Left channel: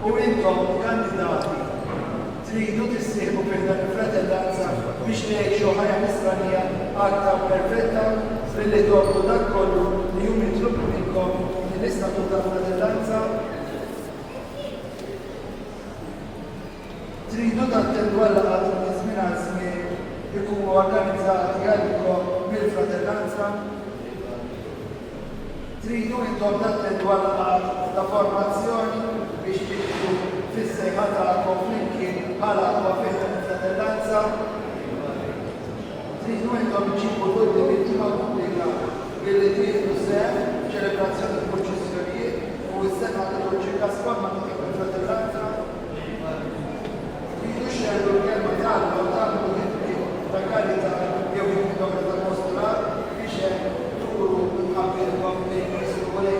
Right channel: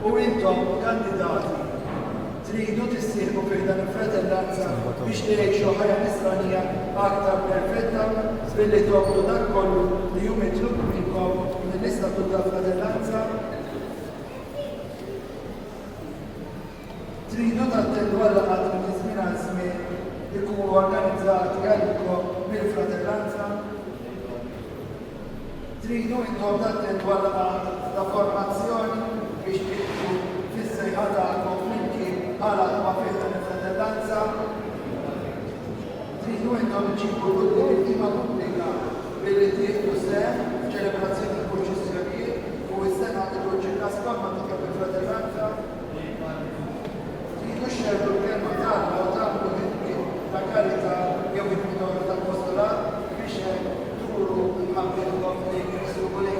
U intom kandidati tridu tissieħbu fil-dan il-fratellanza biex tgħixu ħajja mistennija aktar perfetta billi tolbu dak kollu li hu mitlubu minnkom mill-istatut tal-fratellanza. Tridu tattendu għall-laqgħat minn żmien għal żmien ikunu organizzati għalikom mill-fratellanza. Tridu intom tattendu għall-laqgħat ta' formazzjoni biex tikku fis-sejħa tagħkom flimkien bħala ma fihom il-fratellanza. Tridu intom iġibu quddiem it-tima pubblika billi tieħdu sehem f'ċelebrazzjoni tal-proċessjonijiet u s-sena tal-Ruċika Spanna ta' il-fratellanza. Tridu xerru l-kelma tagħna u tagħmlu kitbi ta' karità jew il-mudora tal-postulat biex turu ħabbirkom lejn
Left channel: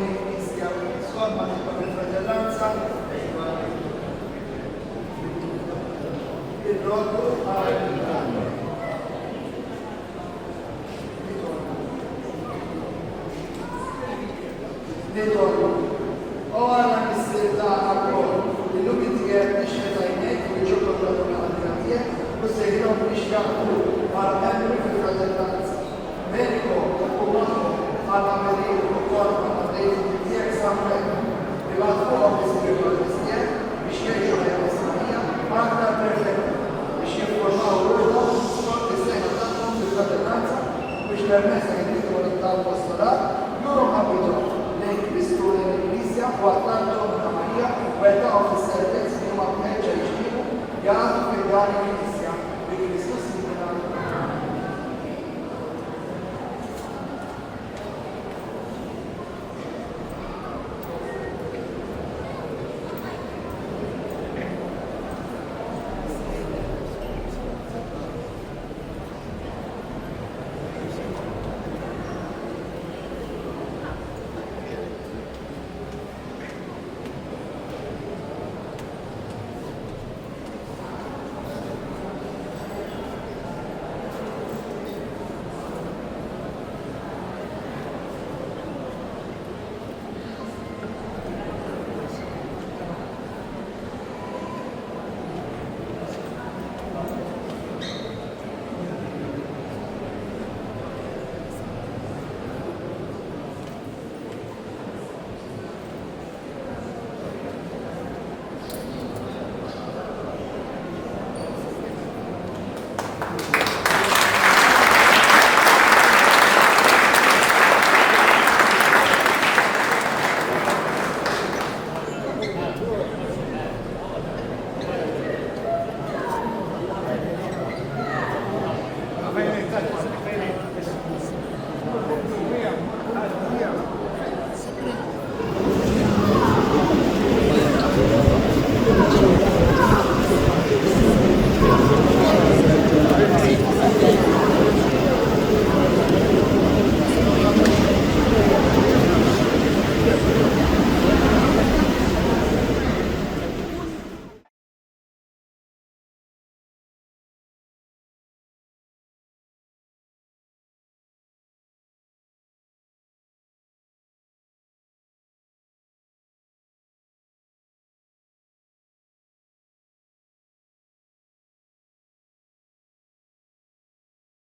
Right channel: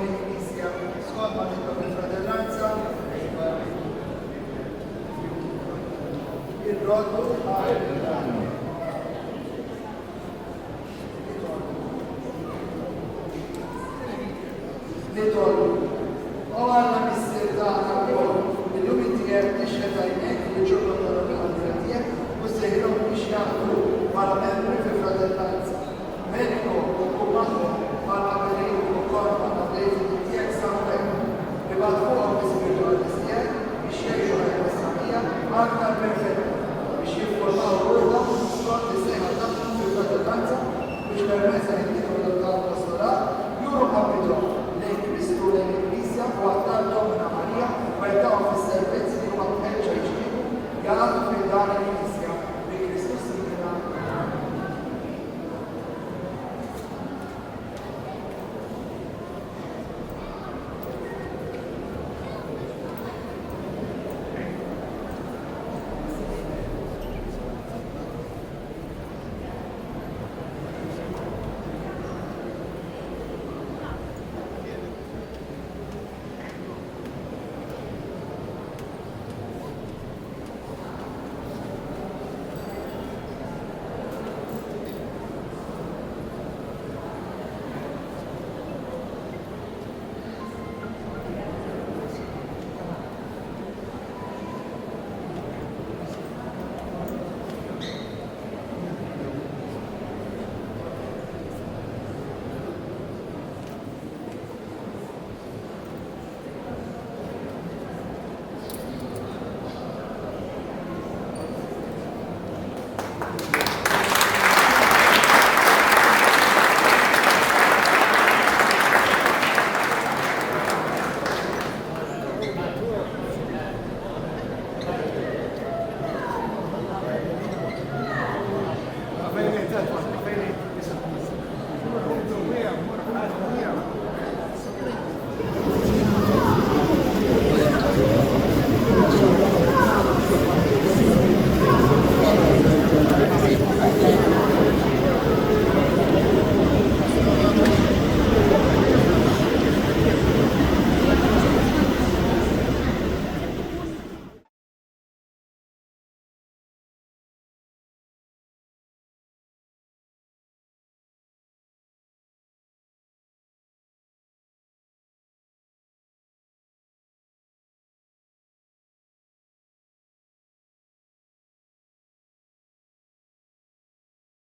il-Knisja skont ma tibqa' il-fratellanza. Il-roddu għal Little